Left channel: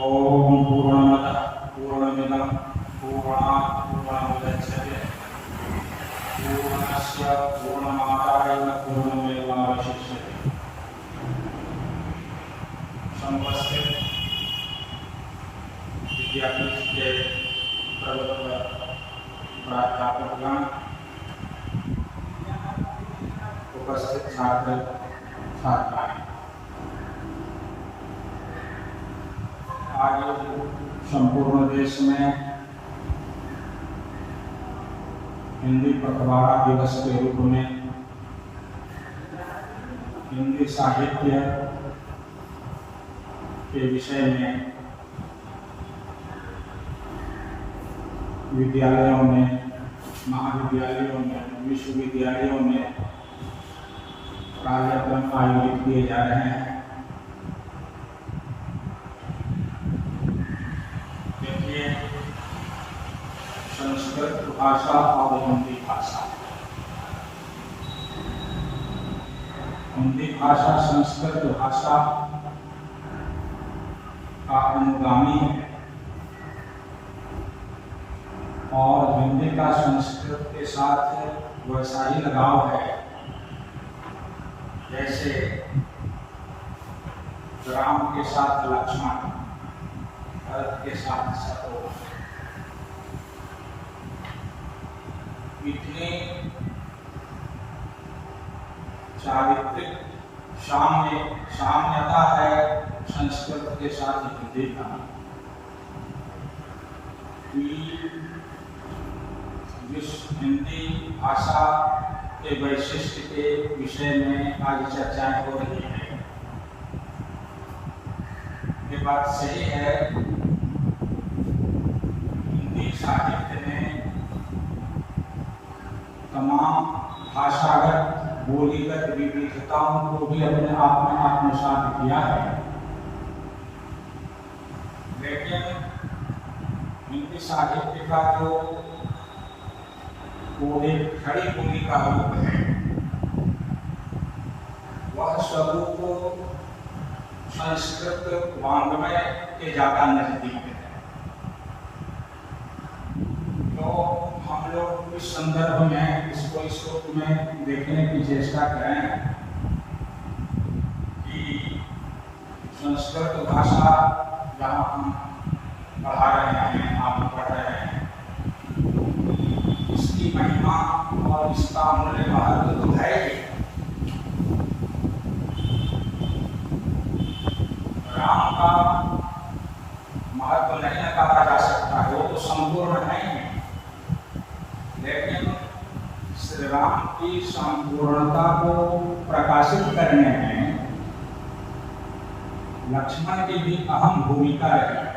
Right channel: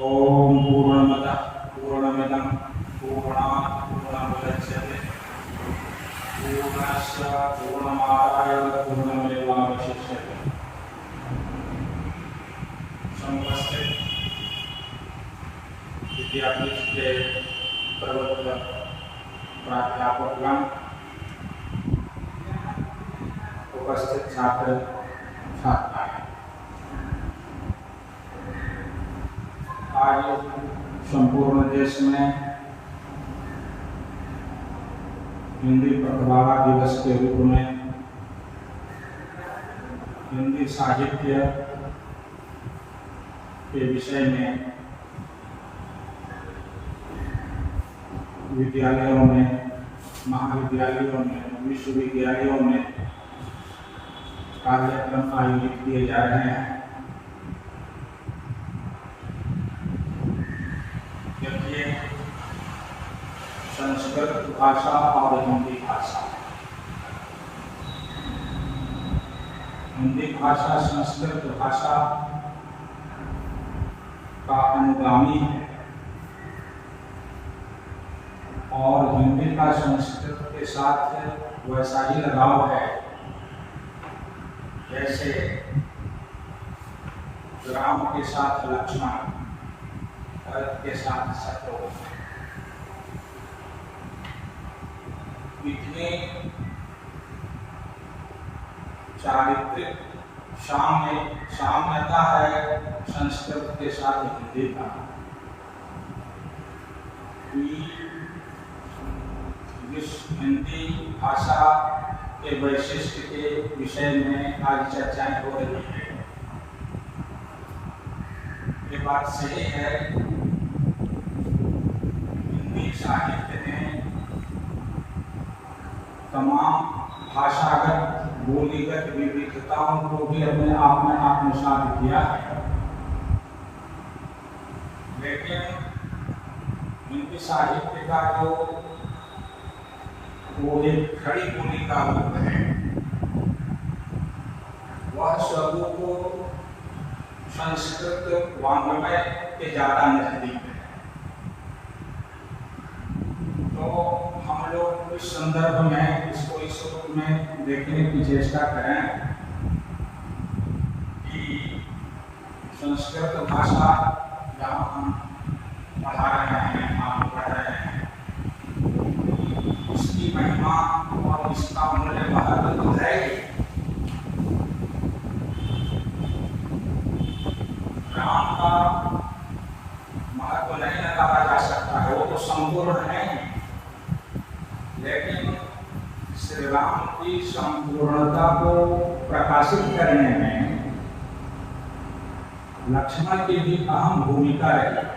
ओम पूर्णमदः पूर्णमिदं पूर्णात् पूर्णमुदच्यते पूर्णस्य पूर्णमादाय पूर्णमेवावशिष्यते। समुपस्थित विद्यापीठ के प्रबंधक प्राध्यापकगण, उपस्थित छात्र छात्राएं, आज संपूर्ण देश में हिंदी पखवाड़ा दिवस के रूप में हिंदी साहित्य के विषय में विद्यालयों में, महाविद्यालयों में, विश्वविद्यालयों में कार्यक्रम आयोजित किए जा रहे हैं। देखिए, संस्कृत भाषा और हिंदी भाषा, हिंदी भाषा संस्कृत भाषा का अनुगामी है और हिंदी का संस्कृत के साथ वैसा ही लगाव है जैसे राम के साथ लक्ष्मण, भरत के साथ शत्रुघ्न। इतनी चारित्रिक साम्यता है संस्कृत के साथ हिंदी का हिंदी भाषा के वैशिष्ट के विषय में आज चर्चाएं हो रही है। ये बात सही है, हिंदी साहित्य ने तमाम भाषागत बोलीगत विविधताओं को भी अपने आप में आत्मसात किया है, लेकिन हिंदी साहित्य का जो वो एक खड़ी बोली का रूप है, वह स्वरूप संस्कृत वाङ्मय के ज्यादा नजदीक है। तो हम लोग इस संदर्भ में इसको इस रूप में देखने की चेष्टा करें कि संस्कृत भाषा जहाँ हम पढ़ा रहे हैं, आप पढ़ रहे हैं, इसकी महिमा और इसका मूल्य महत्व तो है ही। राम का महत्व नहीं नकारा जा सकता है, वो तो संपूर्ण नहीं है, लेकिन श्री राम की संपूर्णता को प्रकाशित करने में लक्ष्मण की भी अहम भूमिका रही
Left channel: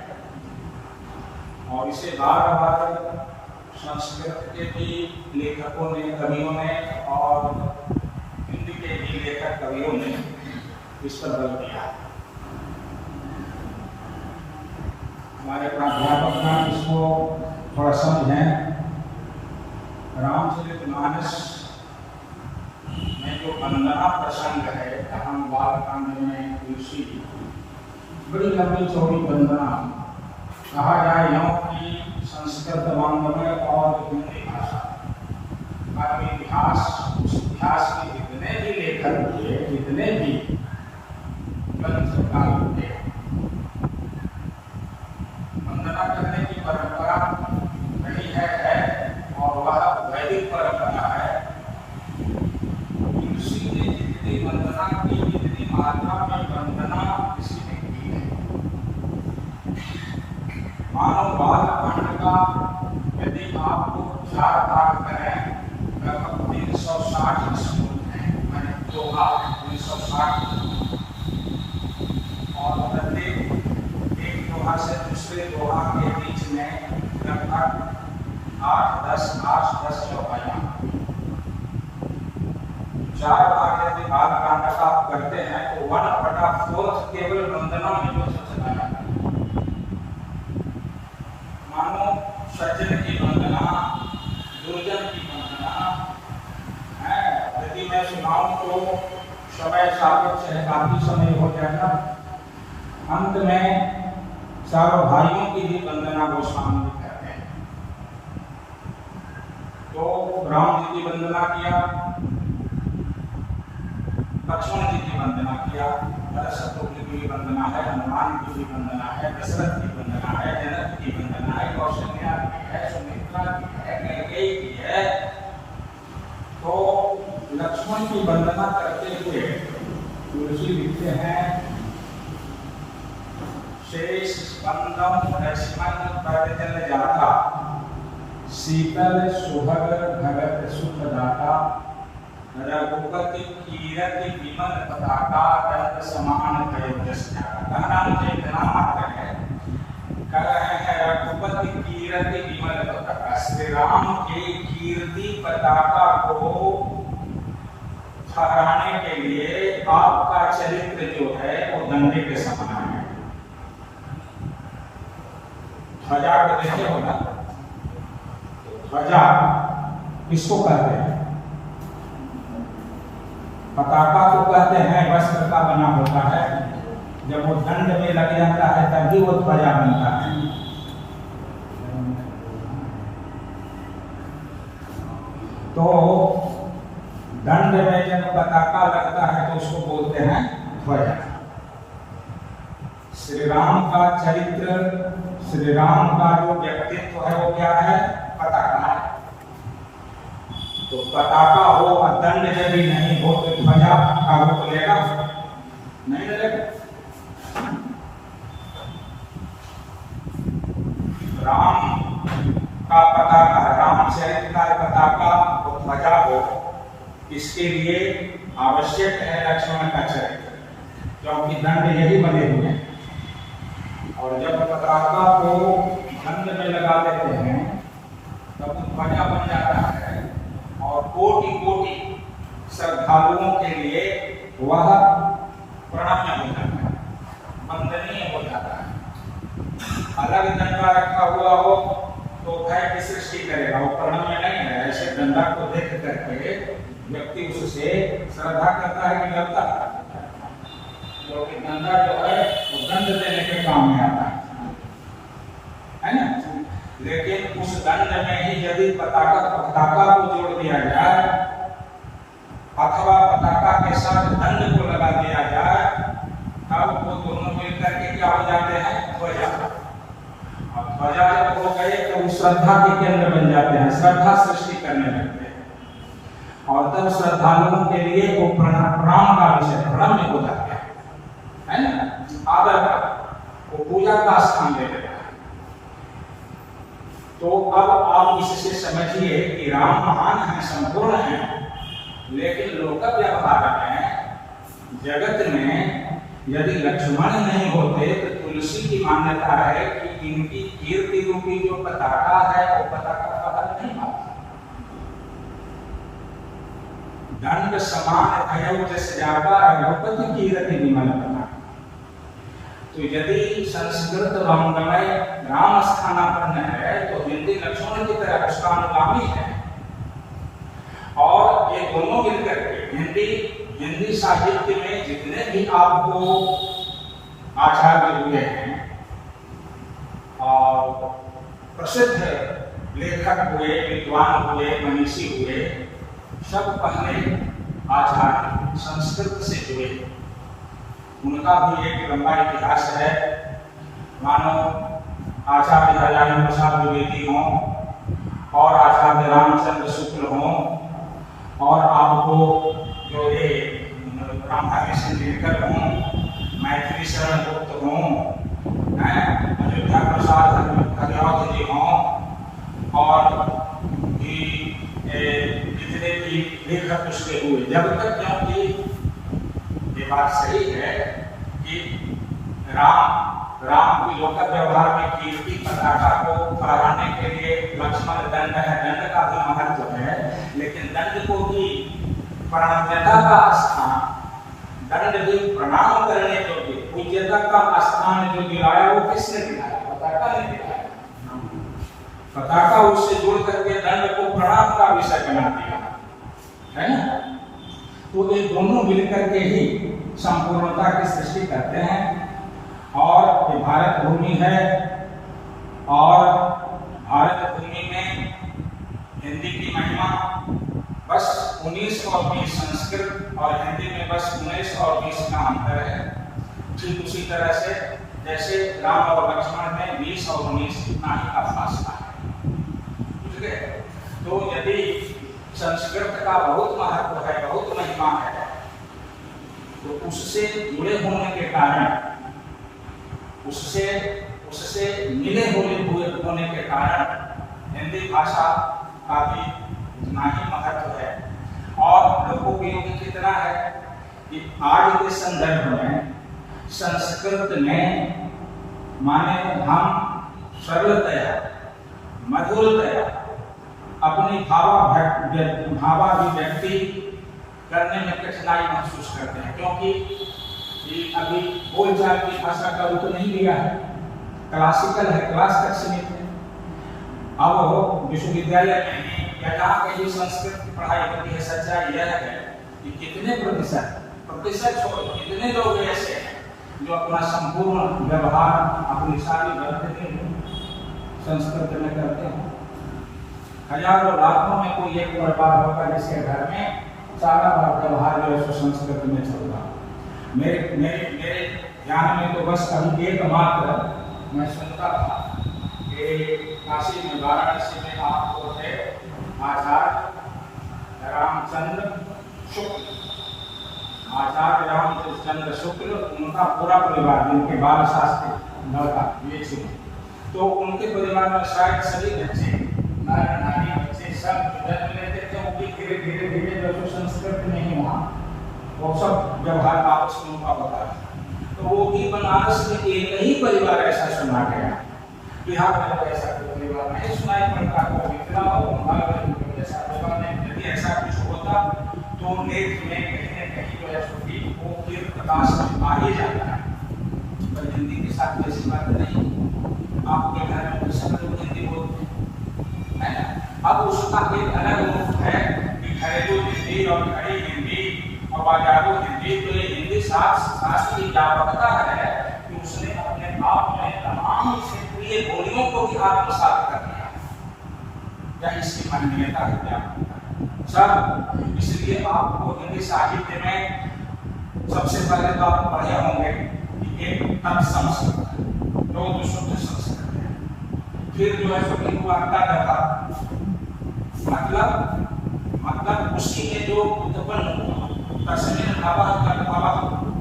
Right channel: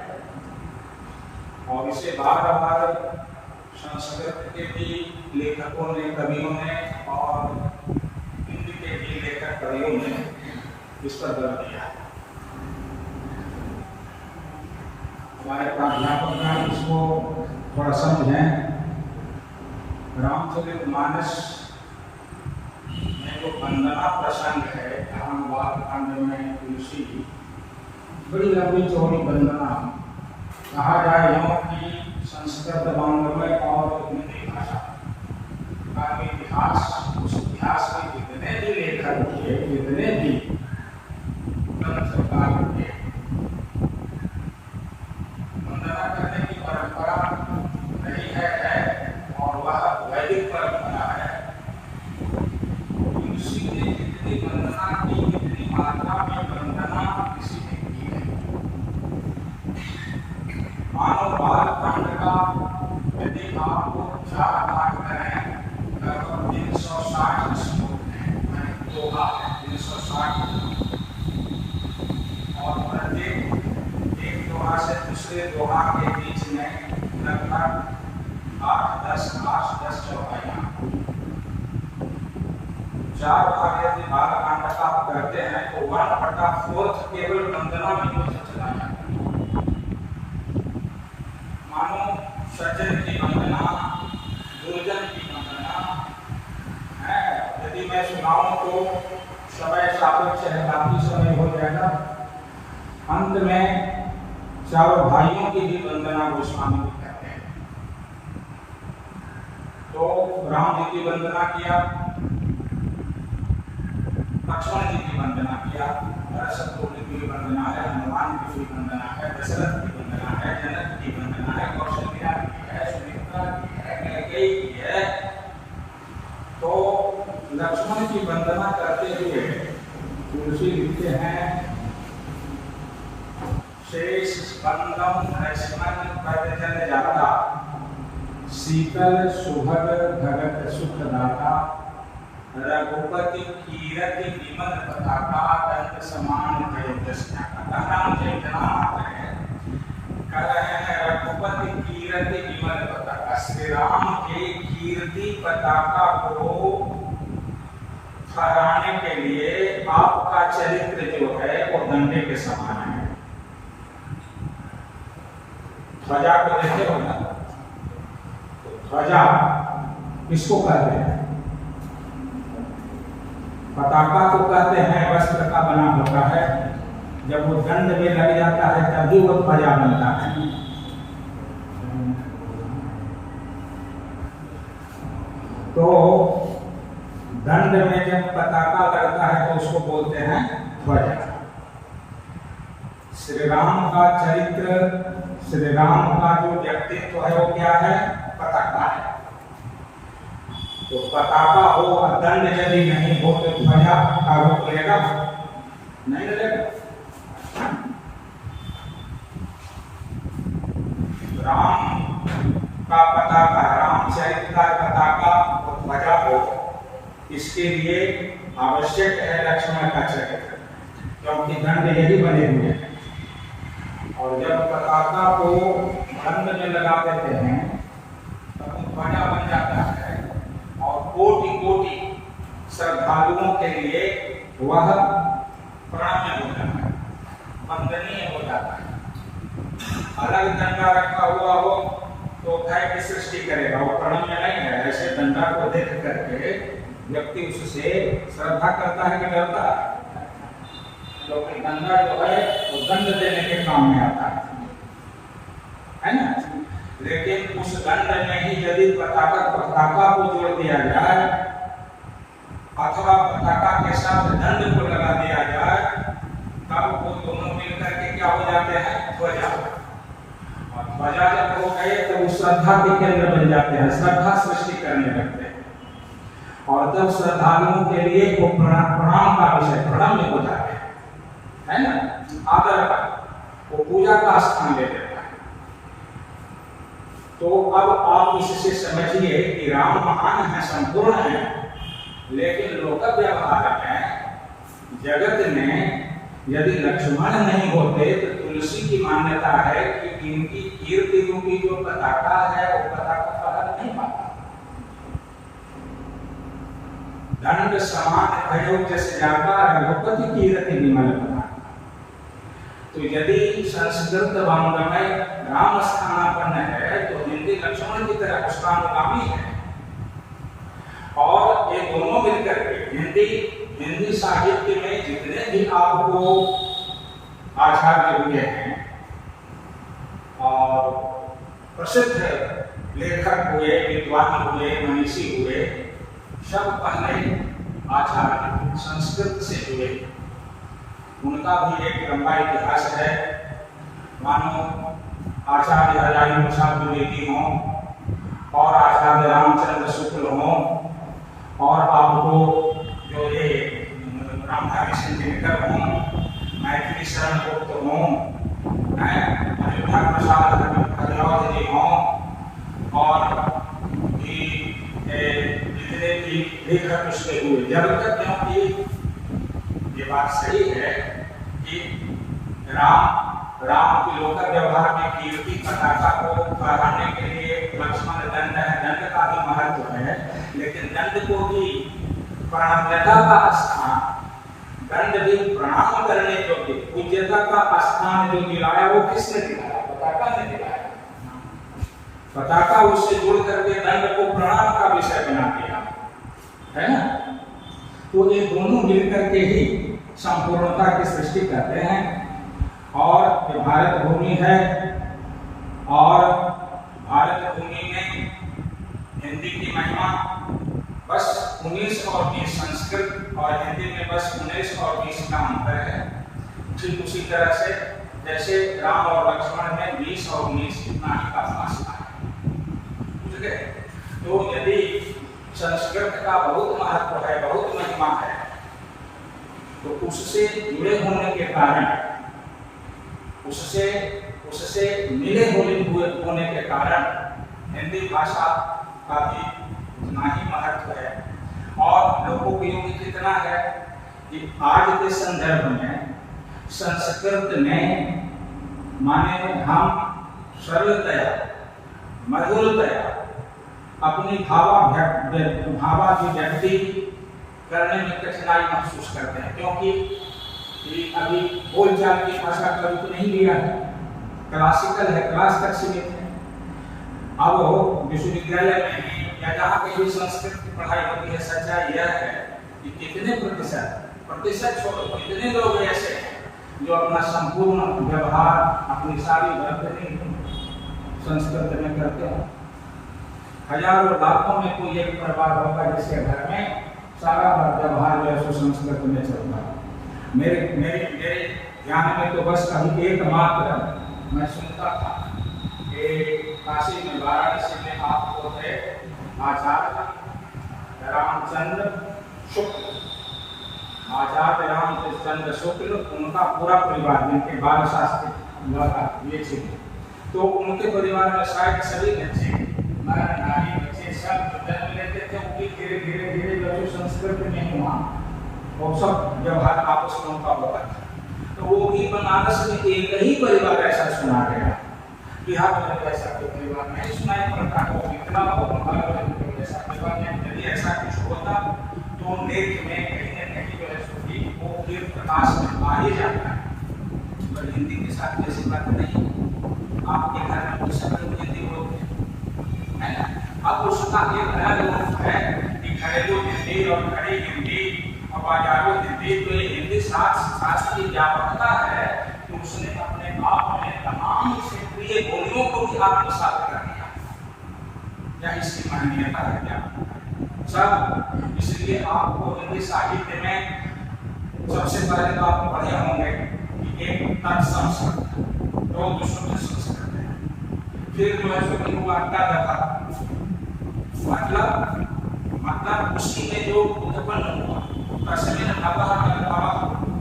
और इसे बार बार संस्कृत के भी लेखकों ने, कवियों ने और हिंदी के भी लेखक कवियों ने इस पर बल दिया। हमारे प्राध्यापक इसको थोड़ा समझें। रामचरितमानस में जो वंदना प्रसंग है, जहाँ बालकांड में तुलसी बड़ी लंबी चौड़ी वंदना, कहा जाए यहाँ की संस्कृत वाङ्मय और हिंदी भाषा का इतिहास, उस इतिहास के जितने भी लेखक हुए, जितने भी ग्रंथकार हुए, वंदना करने की परंपरा रही है और वह वैदिक परंपरा है। तुलसी ने जितनी वंदना की, जितनी मात्रा में वंदना किसी ने की है, मानव बालकांड का यदि आपको 4 भाग करें, लगभग 360 श्लोक हैं, मैंने दोहा 360, और प्रत्येक एक दोहा से दूसरे दोहा के बीच में लगभग 8-10 चौपाइयां। 4 भाग यदि बालकांड का आप करते हैं तो 1/4 केवल वंदना में हो चला जाता है। मानो सज्जन की वंदना, दुर्जन की वंदना है। यदि मैं सुनाऊं तो समय सापेक्ष है, काफी समय हो जाएगा। अंत में चारों भाइयों की भी वंदना गोस्वामी जी करते हैं। तो राम जी की वंदना किया, लक्ष्मण जी की वंदना किया, भरत शत्रुघ्न की भी वंदना है, हनुमान की भी वंदना है, दशरथ की वंदना है, जनक की वंदना है, कौशल्या की है, सुमित्रा की है, कैकेयी की है। तो लक्ष्मण की वंदना करते हुए तुलसी लिखते हैं, शेष स्पंदम लक्ष्मण प्रवचन जाता, शीतल सुभग भगत सुख दाता, रघुपति कीरति विमल पताका, दंड समान नाम चैतना मात्र है। कह रहे हैं रघुपति कीरति विमल पताका, श्री राम के कीर्ति पताका को फहराने के लिए आपका चरित्र जो है वो डंडे के समान है। ध्वजा को देखे हो ना, ध्वजा किसको कहते हैं? पताका को कहते हैं, वस्त्र का बना होता है, जब वो दंड में लग जाता है तभी वो ध्वजा बनता है। तो दंड में जब पताका लगता है तो उसको बोलते हैं ध्वजा। श्री राम का चरित्र, श्री राम का जो व्यक्तित्व है वो क्या है? पताका है। तो पताका हो और दंड यदि नहीं हो तो ध्वजा का रूप लेगा? नहीं लेगा। राम का पताका, रामचरित्र का पताका वो ध्वजा हो, इसके लिए आवश्यक है लक्ष्मण का चरित्र, क्योंकि दंड यही बने हुए हैं। और जब पताका को दंड में लगा देते हैं तब ध्वजा बन जाता है और कोटि कोटि श्रद्धालुओं के लिए वह प्रणम्य हो जाता है, वंदनीय हो जाता है। अलग डंडा रखा हुआ हो तो भय की सृष्टि करेगा, वो प्रणम्य नहीं है। ऐसे डंडा को देख करके व्यक्ति उससे श्रद्धा करता है कि डरता है? क्योंकि डंडा जो है वो दंड देने के काम में आता है ना। लेकिन उस दंड में ही यदि पताका को जोड़ दिया जाए अथवा पताका के साथ दंड को लगा दिया जाए तब वो दोनों मिलकर के क्या हो जाते हैं? ध्वजा। और ध्वजा जब हो गए तो वो श्रद्धा के केंद्र बन जाते हैं, श्रद्धा सृष्टि करने लगते हैं और तब श्रद्धालुओं के लिए वो प्रणाम का विषय, प्रणम्य हो जाते हैं, है ना, आदर का, वो पूजा का स्थान ले लेते हैं। तो अब आप इससे समझिए कि राम महान है, संपूर्ण है, लेकिन लोक व्यवहार में जगत में यदि लक्ष्मण नहीं होते तो तुलसी की मान्यता है कि इनकी कीर्ति रूपी जो पताका है वो पताका फहर नहीं पाता। दंड समान भयो जैसे जाता रघुपति कीर्ति विमल पताका। तो यदि संस्कृत वाङ्मय राम स्थानापन्न है तो हिंदी लक्ष्मण की तरह उसका अनुगामी है। और ये दोनों मिलकर के हिंदी साहित्य में जितने भी आपको आचार्य हुए हैं और प्रसिद्ध लेखक हुए, विद्वान हुए, मनीषी हुए, सब पहले आचार्य संस्कृत से जुड़े। उनका भी एक लंबा इतिहास है। मानो आचार्य हजारी प्रसाद द्विवेदी हों और आचार्य रामचंद्र शुक्ल हों और आपको जो ये रामधारी सिंह दिनकर हों, मैथिली शरण गुप्त हों, अयोध्या प्रसाद हरियावत जी हों और जितने भी लेखक उसके हुए, जब तक क्योंकि ये बात सही है कि राम की लोक व्यवहार में कीर्ति पताका को फहराने के लिए लक्ष्मण दंड है, दंड का भी महत्व है, लेकिन दंड को भी प्रणम्यता का स्थान, दंड भी प्रणाम करने योग्य, पूज्यता का स्थान जो दिलाया वो किसने दिलाया? पताका ने दिलाया। पताका उससे जुड़ करके दंड को प्रणाम का विषय बना दिया, है ना। तो ये दोनों मिलकर के ही संपूर्णता की सृष्टि करते हैं। और ये भारत भूमि है और भारत भूमि में हिंदी की महिमा बस 19 और 20 संस्कृत और हिंदी में बस 19 और 20 का अंतर है। ठीक उसी तरह से जैसे राम और लक्ष्मण में 20 और 19 इतना ही का फासला है। ठीक है, तो यदि संस्कृत का बहुत महत्व है, बहुत महिमा है, तो उससे जुड़े होने के कारण, उससे मिले होने के कारण हिंदी भाषा का भी उतना ही महत्व है। और लोकोपयोगी कितना है कि आज के संदर्भ में संस्कृत में माने हम सरलतया, मधुरतया अपनी भावाभिव्यक्ति करने में कठिनाई महसूस करते हैं, क्योंकि अभी बोलचाल की भाषा का रूप नहीं लिया है, क्लासिकल है, क्लास तक सीमित है। अब विश्वविद्यालय में या जहाँ कहीं संस्कृत की पढ़ाई होती है, सच्चाई यह है कि कितने प्रतिशत छोड़ो, कितने लोग ऐसे हैं जो अपना संपूर्ण व्यवहार, अपनी सारी वर्तनी संस्कृत में करते हैं। हजारों लाखों में कोई एक परिवार होगा जिसके घर में सारा व्यवहार जो है संस्कृत में चलता है। मेरे ध्यान में तो बस अभी एकमात्र मैं सुनता था कि काशी में, वाराणसी में आपको थे आचार्य रामचंद्र शुक्ल, उनका पूरा परिवार, जिनके बाल शास्त्री लड़का ये चीज, तो उनके परिवार में शायद सभी बच्चे, मर्द नारी बच्चे सब जन्म लेते थे, वो भी धीरे धीरे जो संस्कृत में ही हुआ, वो सब व्यवहार आपस में उनका होता था। तो वो भी बनारस में एक ही परिवार ऐसा सुना गया, बिहार में ऐसा कोई परिवार नहीं सुनाई पड़ता, वो मिथिला और महाराष्ट्र में ऐसा परिवार नहीं। यदि ऐसा कुछ होता तो लेख में कहीं न कहीं जो है सुखी वो फिर प्रकाश में आ ही जाता है, पर हिंदी के साथ ऐसी बात नहीं। आपके घर में कोई शब्द हिंदी बोलते हैं, अब उसका एक अलग रूप है कि घरेलू हिंदी और खड़ी हिंदी और बाजारू हिंदी। तो ये हिंदी शास्त्र की व्यापकता है कि उसने अपने आप में तमाम क्षेत्रीय बोलियों को भी आत्मसात कर दिया, या इसकी मान्यता है क्या सब। इसलिए आपको हिंदी साहित्य में सबसे पहले तो आप पढ़े होंगे कि एक तत्सम शब्द है, दो शुद्ध संस्कृत है, फिर जो है सभी को मतलब उसी में जो उत्पन्न हुआ तस्मिन भावः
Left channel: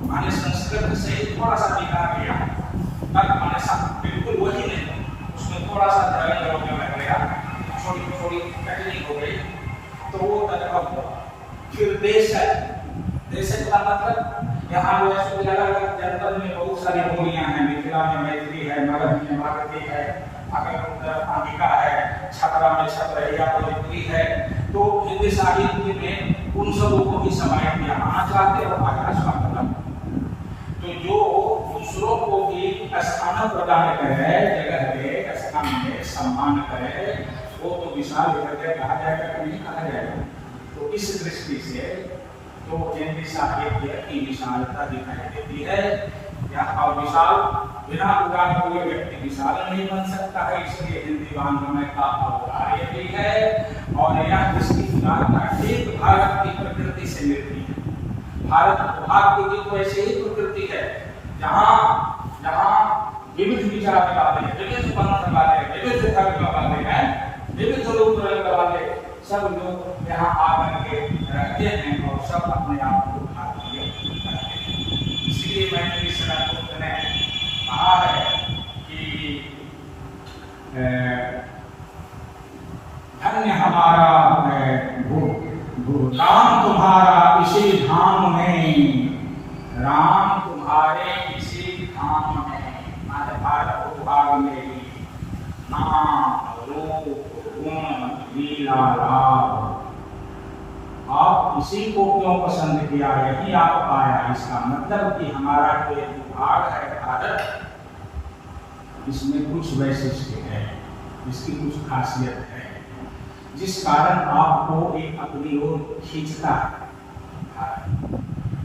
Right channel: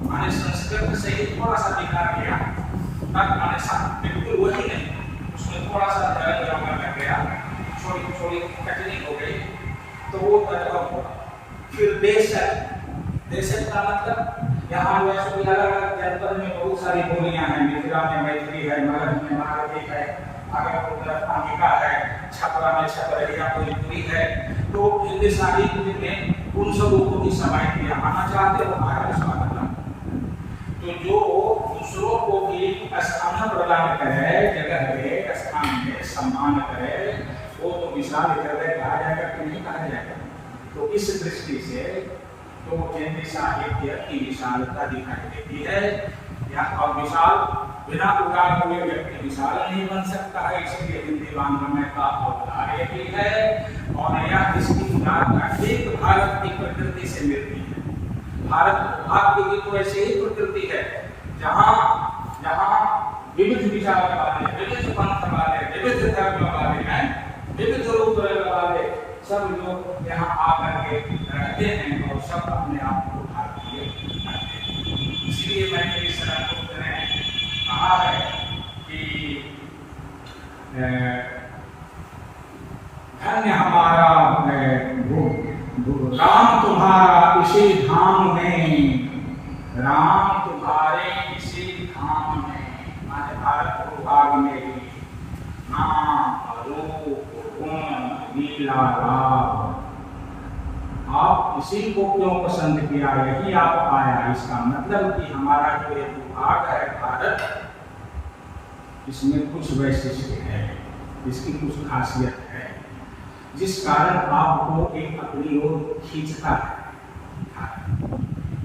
माने संस्कृत से ही थोड़ा सा दिखा गया, तब माने बिल्कुल वही नहीं, उसमें थोड़ा सा लग गया, थोड़ी कठिनाई हो गई, तो वो तद्भव हुआ। फिर देशक का मतलब यहाँ अलग अलग जनपद में बहुत सारी बोलियां हैं, मिथिला में मैथिली है, मगध में मागधी है, भागलपुर में अंगिका है, छपरा में छपरहिया भोजपुरी है। तो हिंदी साहित्य में उन सबों को भी समाहित किया। आना चाहते हो आगे स्वागतम। तो जो दूसरों को भी स्थान प्रदान करे, जगह दे, स्थान में सम्मान करे, वो तो विशाल हृदय कहा जाएगा कि नहीं कहा जाएगा। तो इस दृष्टि से तो हिंदी साहित्य की विशालता दिखाई देती है। यहाँ और विशाल बिना उगाए हुए व्यक्ति विशाल नहीं बन सकता है, इसलिए हिंदी वाङ्मय का औदार्य भी है। और यह इसकी उदारता ठीक भारत की प्रकृति से मिलती है। भारत आपकी भी तो ऐसी ही प्रकृति है, जहाँ विविध विचार वाले, विविध पंथ वाले, विविध धर्म वाले हैं, विविध रूप वाले सब लोग यहाँ आकर के रहते हैं और सब अपने आप को भारतीय करते हैं। इसलिए मैंने इस ने कहा है कि धन्य हमारा राम तुम्हारा इसी धाम में, राम तुम्हारे इसी धाम में, माने भारत भूभाग में ही नाम रूप गुण लीला लाभ। आप इसी को क्यों पसंद किया, यही आप आया। इसका मतलब कि हमारा जो ये भूभाग है भारत, इसमें कुछ वैशिष्ट्य है, इसकी कुछ खासियत है, जिस कारण आपको एक अपनी ओर खींचता है।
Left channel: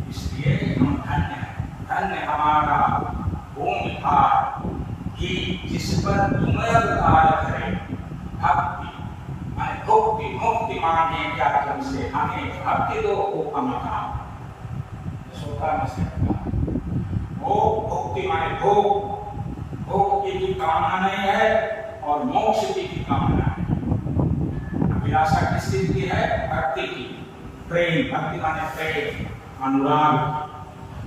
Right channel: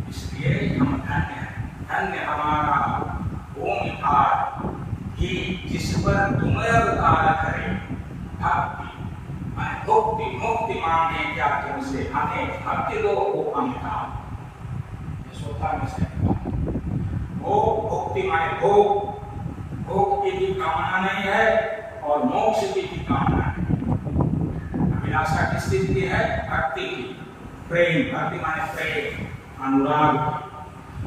इसलिए हम धन्य हैं, धन्य हमारा भूमि का कि जिस पर तुम्हें अवतार करे भक्ति माने भक्ति मुक्ति मांगे क्या तुमसे हमें भक्ति दो वो अमिता सोता में से वो भक्ति माने भोग भोग की भी कामना नहीं है और मोक्ष की भी कामना है। अभिलाषा किसकी की है? भक्ति की। प्रेम भक्ति माने प्रेम अनुराग।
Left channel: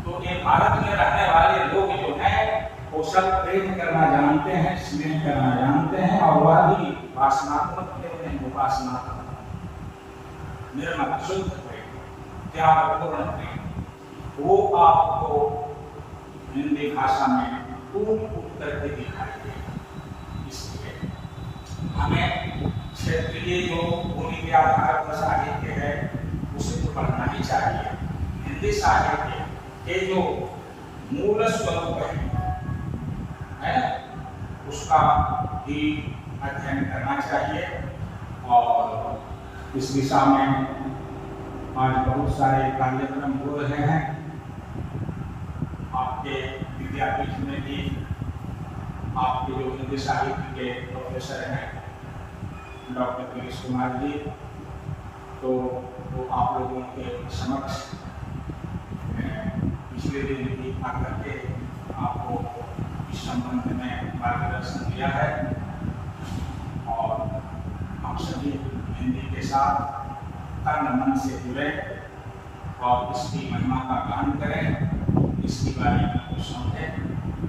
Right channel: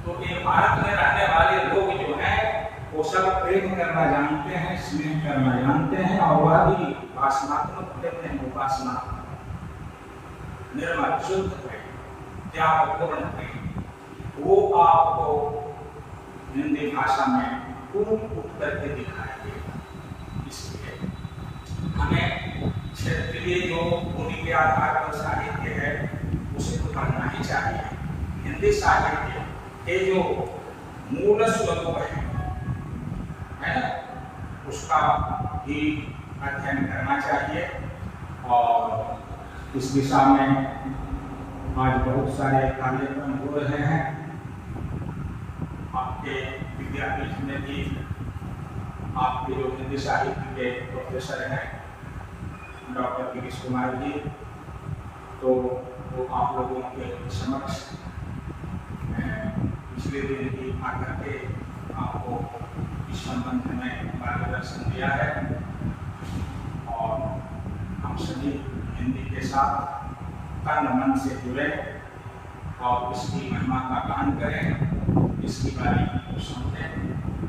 तो ये भारत में रहने वाले लोग जो हैं वो सब प्रेम करना जानते हैं, स्नेह करना जानते हैं और वह भी वासनात्मक प्रेम नहीं, उपासना निर्मल शुद्ध प्रेम, त्यागपूर्ण प्रेम, वो आपको हिंदी भाषा में कूट करके दिखाई देगा। इसलिए हमें क्षेत्रीय जो बोली के आधार पर साहित्य है उसे तो पढ़ना ही चाहिए। हिंदी साहित्य के जो मूल स्वरूप है ना, उसका भी अध्ययन करना चाहिए। और इस दिशा में आज बहुत सारे कार्यक्रम हो रहे हैं। आपके विद्यापीठ में भी आपके जो हिंदी साहित्य के प्रोफेसर हैं डॉक्टर गिरीश कुमार जी, तो वो आप लोगों के समक्ष पिछले दिन भी आकर के आपको इस संबंध में मार्गदर्शन दिया है। और हम सभी हिंदी के साथ तन मन से जुड़े और इसकी महिमा का गान करें, इसकी बारीकी को समझें।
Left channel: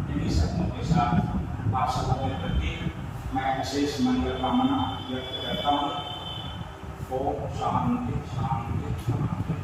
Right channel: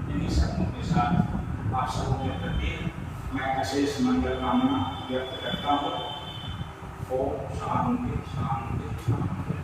इन्हीं शब्दों के साथ आप सबों के प्रति मैं विशेष मंगल कामना व्यक्त करता हूँ। ओम शांति शांति शांति।